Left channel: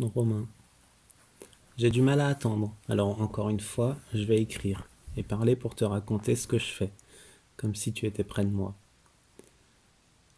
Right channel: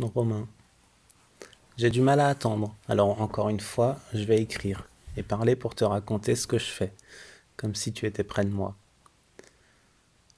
Romain, j'ai du mal à attendre. Alors encore une fois, je vais écrire et parler pour te raconter ce que je fais, comme si tu étais près de moi.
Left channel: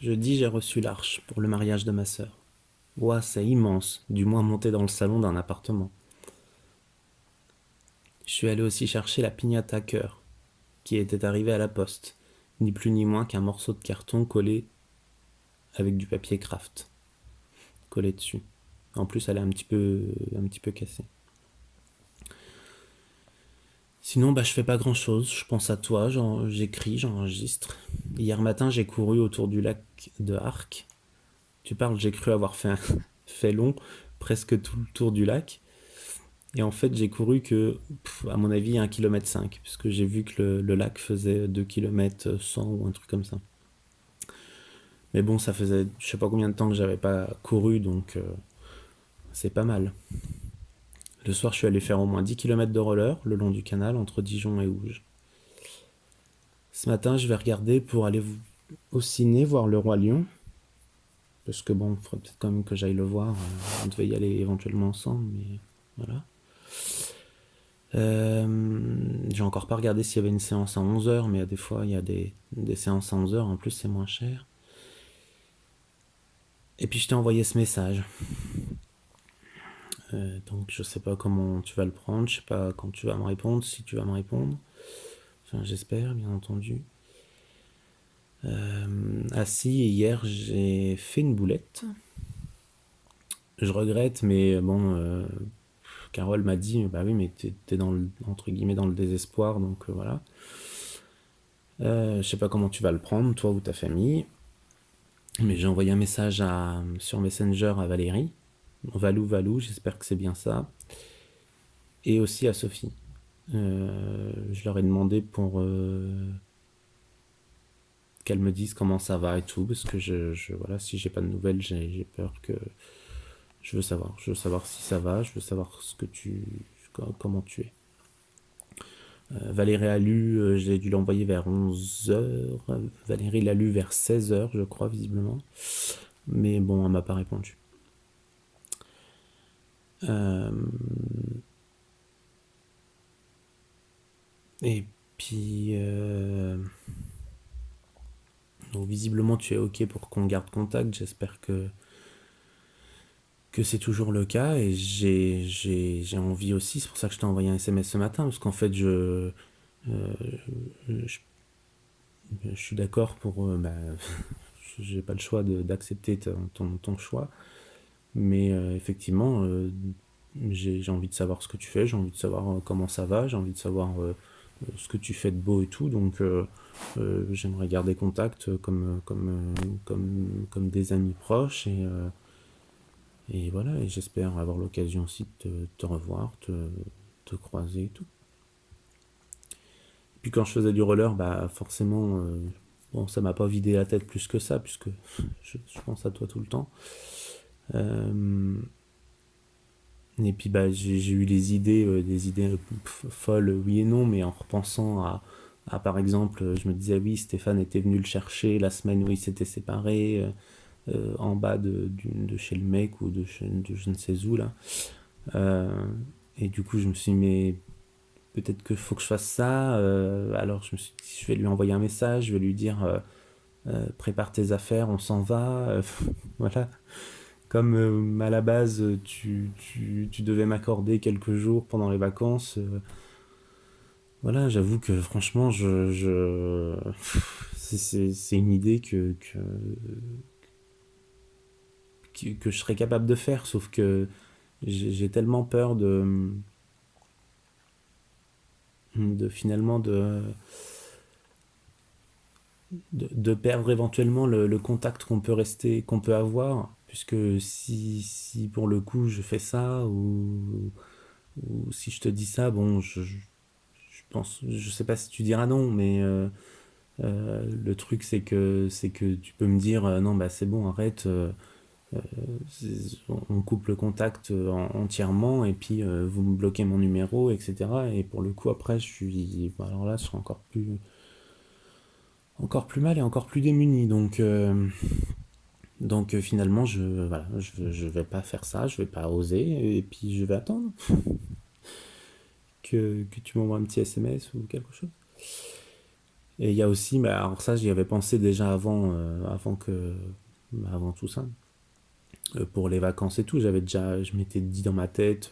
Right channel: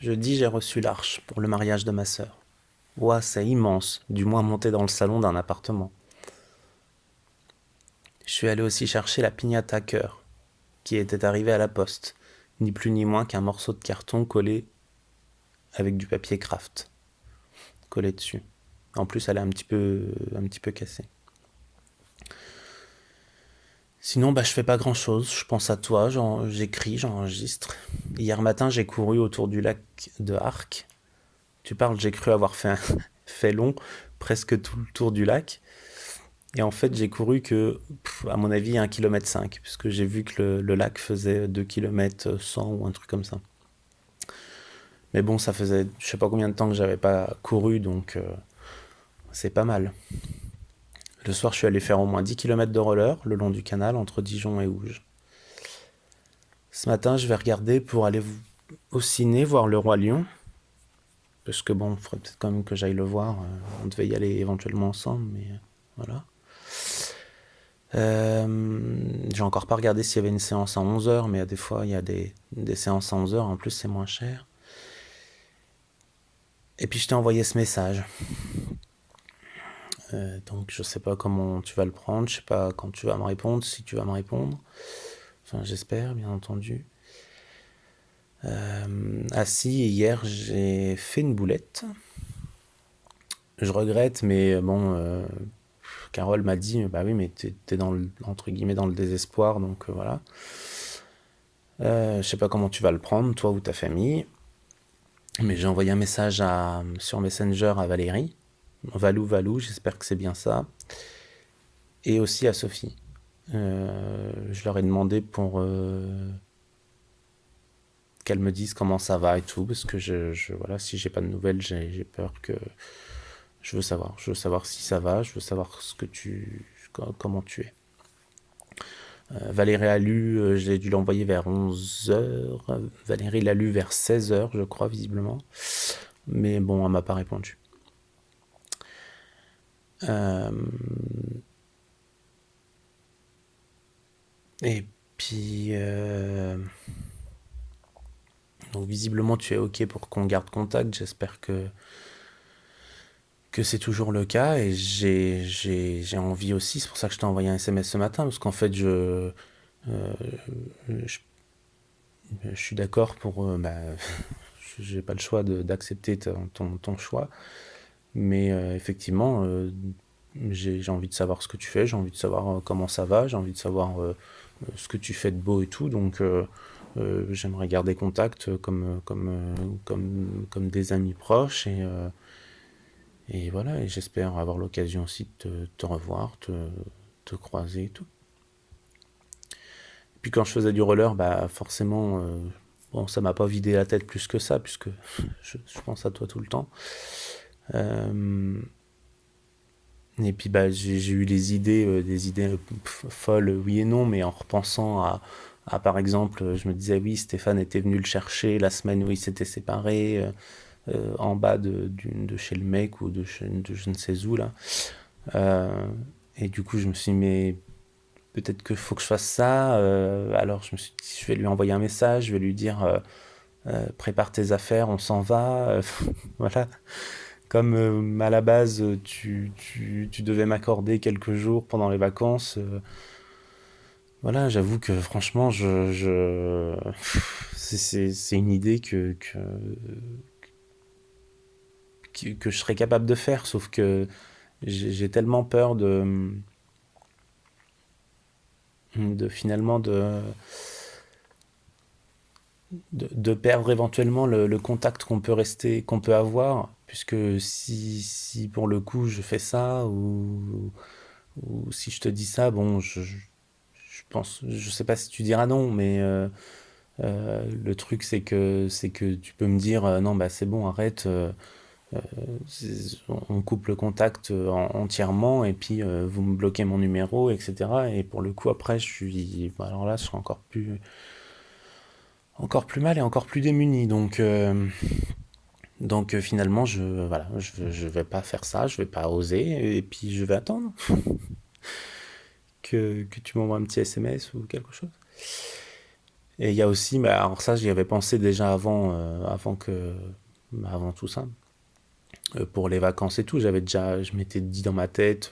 Jeudi, j'ai reçu l'arche pour le mariage de ma sœur. Ouah, c'est immense, du moins monter dans le salon d'un appartement. Je suis allé aussi chercher la piñata cœur, qui était arrivée à la poste, ni plus ni moins qu'un morceau de carton collé avec du papier craft, collé dessus. En plus, elle est un petit peu cassée. Sinon, je fais pas grand-chose. Je pense à toi, j'écris, j'enregistre. Hier matin, j'ai couru autour du lac de Arc. Tu parles, j'ai cru avoir fait long, presque tout le tour du lac. Et en fait, j'ai couru que, à mon avis, 1,5 km, puisque j'ai vu que le lac faisait 2,1 km ou un truc comme ça. Mais bon, ça faisait je sais pas combien de temps que j'avais pas couru, donc c'est pas mal. Le soir, je suis allé faire au moins 10 km de roller le long du canal entre Dijon et Ouge. Ce matin, je vais regarder pour aller au ciné voir Le Roi Lion. Parce que bon, il faudrait peut-être quand même que j'aille le voir. On devait y aller éventuellement ensemble, mais voilà. J'ai encore pas regardé s'il y avait une séance à 11 heures, mais des fois, il y a des séances à 11 heures. En plus, c'est moins cher. Et puis, je t'ai envoyé ce message. Donc, je sais pas comment tu vas le prendre. Je sais pas quand tu vas me répondre, si tu vas me répondre. Enfin, j'espère, bien entendu. Ah si, hier, j'ai fait une boulette. Je regrette, mais bon, Carole m'a dit, bah oui, mais t'es dans le, entre guillemets, dans le désespoir, donc voilà. Je sais pas comment tu vas le prendre, toi ou ta famille, mais j'ai envoyé un message sur Messenger à Valérie, Valou, j'espère que c'est bien ça, et aussi à Sophie. Je leur ai demandé pour qu'elles me disent comment ça va et tout, parce que voilà, si j'ai pas de nouvelles, j'ai peur que je veux savoir si ça va, je veux savoir comment tu es. Valérie a lu, j'ai dû l'envoyer vers 11 heures. Valérie l'a lu vers 16 heures, je crois, visiblement. Mais bon, elle m'a pas répondu. Euh, et puis, donc visiblement, tu es OK pour qu'on garde contact. J'espère que c'est toujours le cas. Et j'ai envie aussi, c'est pour ça que je t'ai envoyé un SMS ce matin, parce qu'en fait, je, je suis d'accord pour... j'ai pas le choix d'accepter ton choix. Mais effectivement, j'ai envie de savoir ce que tu fais, j'ai envie de savoir comment ça va, j'ai envie de savoir ce que tu fais de beau et tout. Donc j'aimerais garder contact comme des amis proches. Et voilà, et j'espère avoir l'occasion aussi de te revoir, te croiser et tout. Puis quand je faisais du roller, forcément, bon, ça m'a pas vidé la tête plus que ça, puisque je pense à toi tout le temps. Et puis j'ai eu des idées folles, oui et non, mais en repensant par exemple, je me disais oui, Stéphane était venu le chercher la semaine où ils s'étaient séparés, en bas de chez le mec ou de je ne sais où là. Euh, et du coup, je me suis dit, mais peut-être qu'il faut que je fasse ça. Alors je me suis dit, je vais lui envoyer un message, je vais lui dire, prépare tes affaires, on s'en va. Voilà. Comme à la base, tu devais m'accorder quelques jours pendant les vacances, voilà, j'avoue que franchement, c'est une idée que je serais capable de faire, sauf que j'ai tellement peur de finalement de perdre éventuellement le contact qu'on peut avoir, puisque si pour le coup je fais ça, ou si je te dis ça, bon, je pense, je sais pas si tu diras non, mais le truc c'est que tu peux me dire non, bah c'est bon, arrête, on coupe le contact entièrement, et puis vous me bloquez mon numéro, etc. Et pour le coup après alors là je serai encore plus mal et encore plus démuni, donc Donc finalement, voilà, je vais pas faire ça, je vais pas oser, et puis je vais attendre que tu m'envoies un petit SMS ou quelque chose. Et il y a aussi, bah, alors ça, j'y avais pensé déjà avant tout ça, pour les vacances et tout. Je m'étais dit dans ma tête,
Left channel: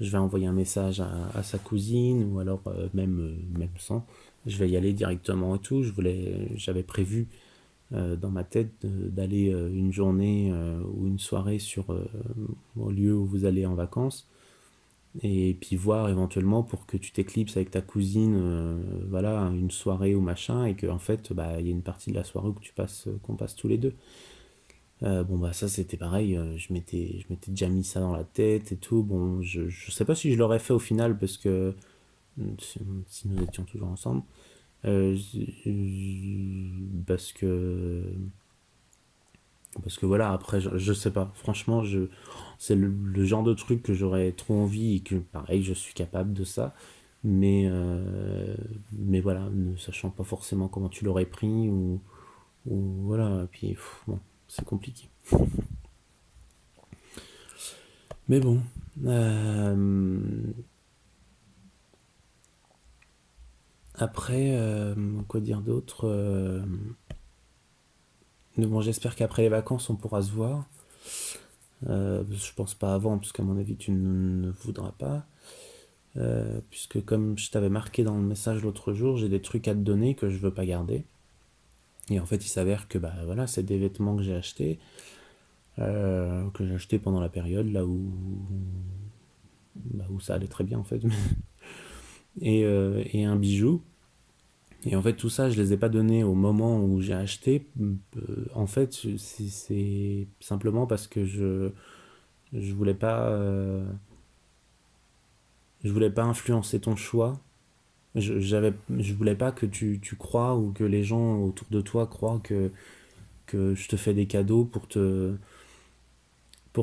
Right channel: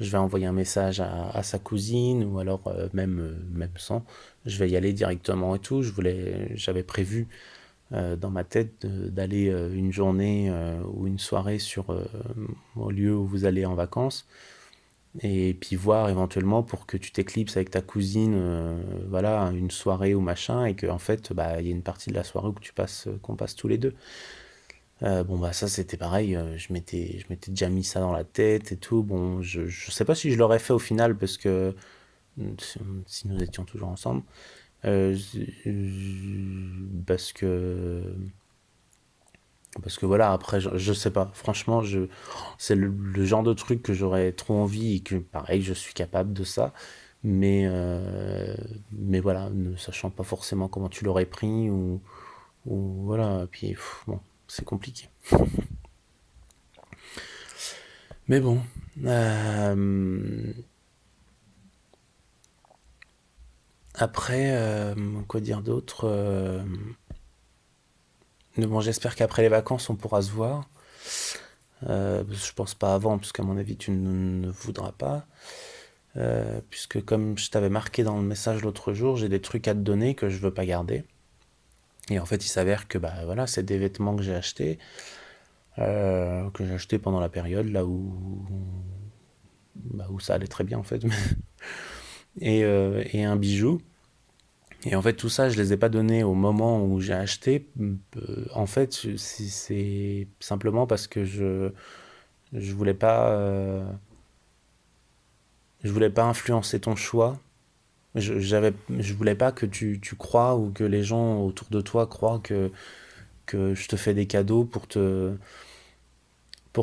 je vais envoyer un message à sa cousine, ou alors même sans, je vais y aller directement et tout. J'avais prévu dans ma tête d'aller une journée ou une soirée au lieu où vous allez en vacances, et puis voir éventuellement pour que tu t'éclipses avec ta cousine, voilà, une soirée ou machin, et qu'en fait, bah, il y a une partie de la soirée où qu'on passe tous les deux. Bon, bah, ça, c'était pareil, je m'étais déjà mis ça dans la tête et tout. Bon, je sais pas si je l'aurais fait au final, parce que si nous étions toujours ensemble, parce que voilà, après, je sais pas. Franchement, c'est le genre de truc que j'aurais trop envie, et que, pareil, je suis capable de ça. Mais voilà, ne sachant pas forcément comment tu l'aurais pris, ou voilà. Et puis, bon, c'est compliqué. Mais bon. Après, quoi dire d'autre, mais bon, j'espère qu'après les vacances, on pourra se voir. Je pense pas avant, parce qu'à mon avis, tu ne voudras pas. Puisque comme je t'avais marqué dans le message l'autre jour, j'ai des trucs à te donner que je veux pas garder. Et en fait, il s'avère que bah voilà, c'est des vêtements que j'ai acheté pendant la période là où ça allait très bien en fait, et un bijou. Et en fait, tout ça, je les ai pas donnés au moment où j'ai acheté. En fait, c'est simplement parce que je voulais pas, je voulais pas influencer ton choix. Je voulais pas que tu crois, ou que les gens autour de toi croient que je te fais des cadeaux pour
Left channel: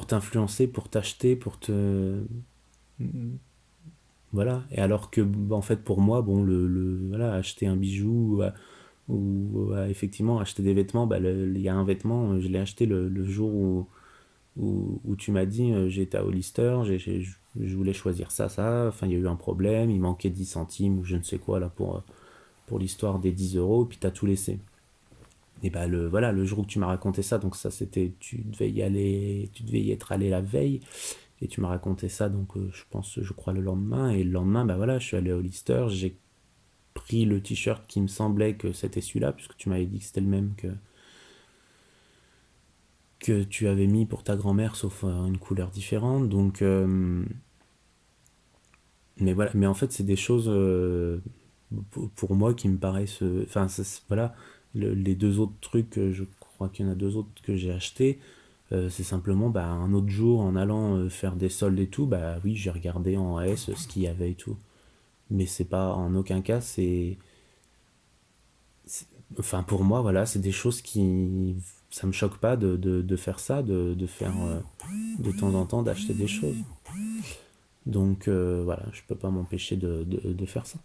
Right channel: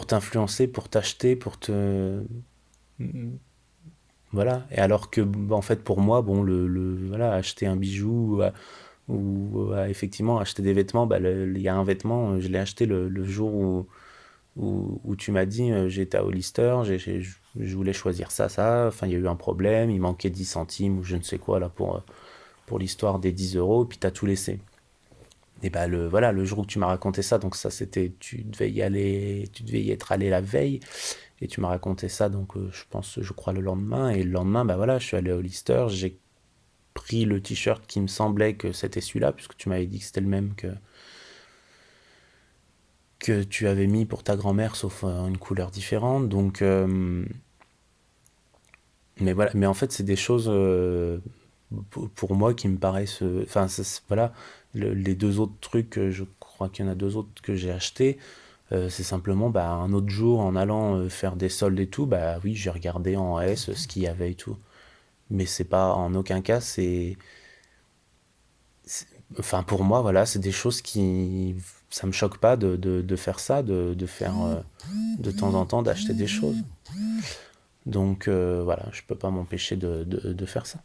t'influencer, pour t'acheter, voilà. Et alors que, bah, en fait, pour moi, bon, voilà, acheter un bijou, ou effectivement acheter des vêtements, bah, il y a un vêtement, je l'ai acheté le jour où tu m'as dit, j'étais à Hollister, je voulais choisir ça, enfin, il y a eu un problème, il manquait 10 centimes, ou je ne sais quoi, là, pour l'histoire des 10 euros, puis t'as tout laissé. Et bah voilà, le jour où tu m'as raconté ça, donc ça c'était, tu devais y être allé la veille, et tu m'as raconté ça, donc je crois le lendemain, et le lendemain, bah voilà, je suis allé au Lister, j'ai pris le t-shirt qui me semblait que c'était celui-là, puisque tu m'avais dit que c'était le même que tu avais mis pour ta grand-mère, sauf une couleur différente, donc mais voilà, mais en fait c'est des choses, pour moi, qui me paraissent, enfin voilà, les deux autres trucs, je crois qu'il y en a deux autres que j'ai achetés. C'est simplement, bah, un autre jour, en allant faire des soldes et tout, bah oui, j'ai regardé en S ce qu'il y avait et tout. Mais c'est pas, en aucun cas, c'est- enfin, pour moi, voilà, c'est des choses qui, ça me choque pas de faire ça, de faire, de temps en temps, d'acheter des choses. Donc voilà, je peux pas m'empêcher de faire ça.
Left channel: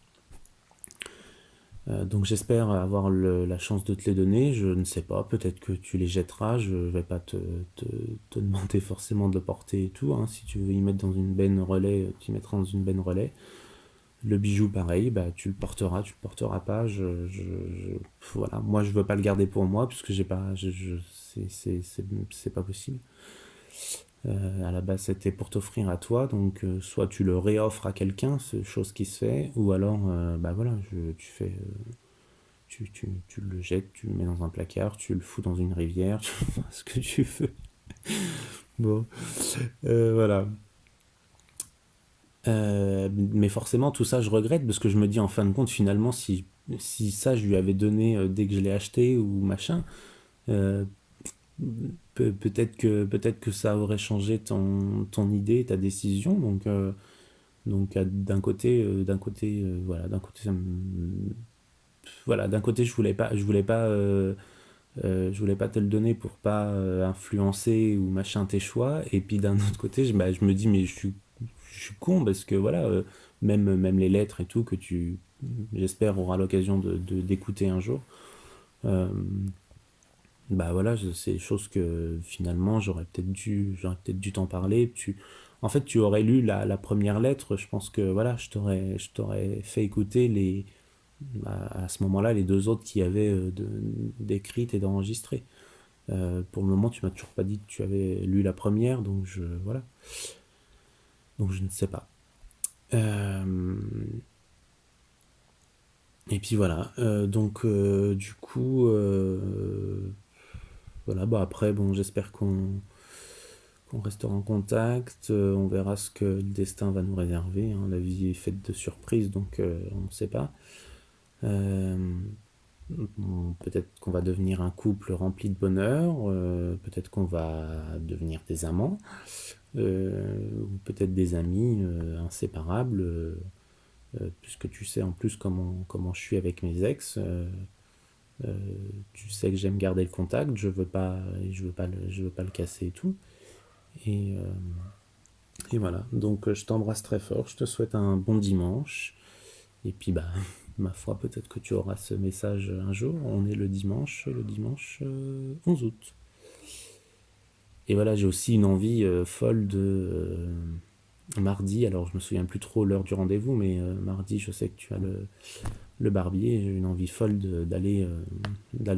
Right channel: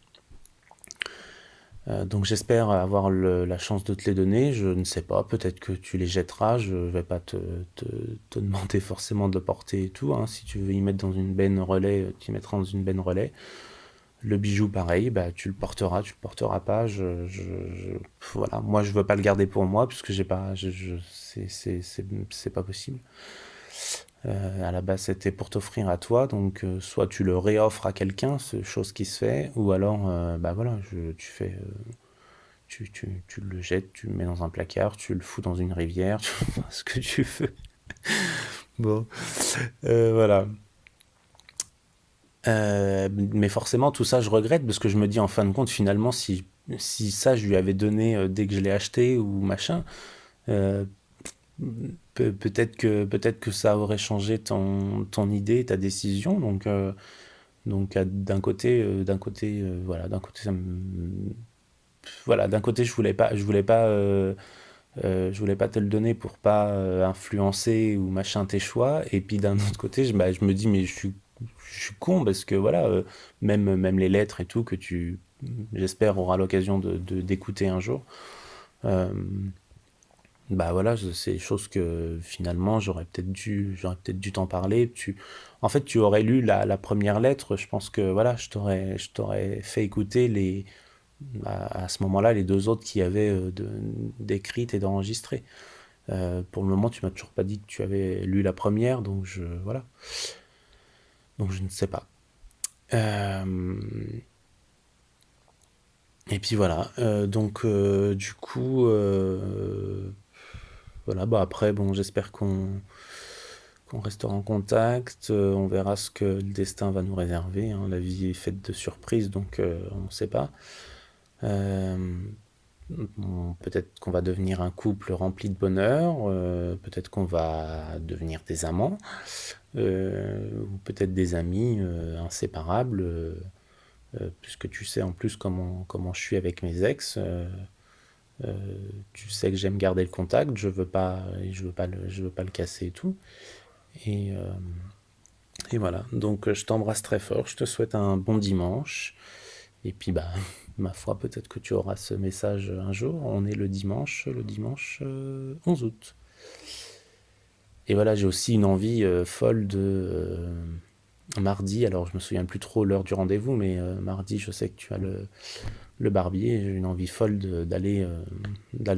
Donc j'espère avoir la chance de te les donner. Je ne sais pas, peut-être que tu les jetteras. Je vais pas te, te demander forcément de le porter et tout, hein. Si tu veux y mettre dans une benne relais, tu y mettras dans une benne relais. Le bijou, pareil, bah, tu le porteras pas. Voilà. Moi, je veux pas le garder pour moi, puisque j'ai pas, c'est pas possible. À la base, c'était pour t'offrir à toi, donc soit tu le réoffres à quelqu'un, ce chose qui se fait, ou alors, bah voilà, tu fais, tu le jettes, tu le mets dans un placard, tu le fous dans une rivière, tu fais ce que tu veux. Bon, voilà. Mais forcément, tout ça, je regrette, parce que je me dis, en fin de compte, finalement, si ça, je lui avais donné dès que je l'ai acheté, ou machin, euh, peut-être que ça aurait changé ton idée, ta décision. Donc voilà, d'un côté, voilà, d'un côté, je voulais pas te le donner pour pas influencer ou machin tes choix. Et puis d'un autre côté, bah, je me dis, mais je suis con, parce que voilà, même les lettres et tout, que j'espère, auras l'occasion d'écouter un jour. Euh, Bah voilà, c'est des choses que finalement j'aurais peut-être dû t'en parler. En fait, tu aurais lu la première lettre. Je pense que voilà, je t'aurais fait écouter à ce moment-là les deux autres qui avaient d'écrites et d'enregistrées. Pour le moment, tu m'as toujours pas dit que tu avais lu la première, voilà, donc je ne sais pas. Euh, et puis voilà, du coup, voilà, bah après, bon, j'espère qu'on restera en contact, on verra ce que le destin va nous réserver, hein. La vie est faite de surprises, donc on ne sait pas. Euh, bon, peut-être qu'on va devenir un couple rempli de bonheur, peut-être qu'on va devenir des amants, ou peut-être des amis inséparables, puisque tu sais en plus comment je suis avec mes ex. Euh, Tu sais que j'aime garder le contact, je veux pas le casser et tout. Et, euh, et voilà, donc je t'embrasse très fort, je te souhaite un bon dimanche. Et puis bah, ma foi, peut-être que tu auras ce message un jour. On est le dimanche 11 août. Et voilà, j'ai aussi une envie folle de mardi. Alors je me souviens plus trop l'heure du rendez-vous, mais mardi, je sais que tu as le barbier. J'ai une envie folle d'aller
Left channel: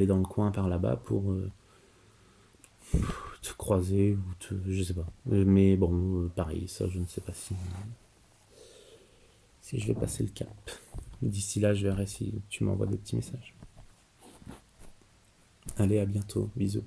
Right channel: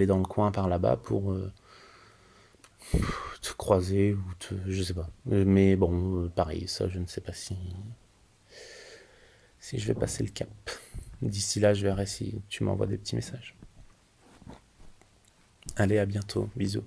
dans le coin par là-bas pour te croiser je sais pas. Mais bon, pareil, ça, je ne sais pas si je vais passer le cap. D'ici là, je verrai si tu m'envoies des petits messages. Allez, à bientôt. Bisous.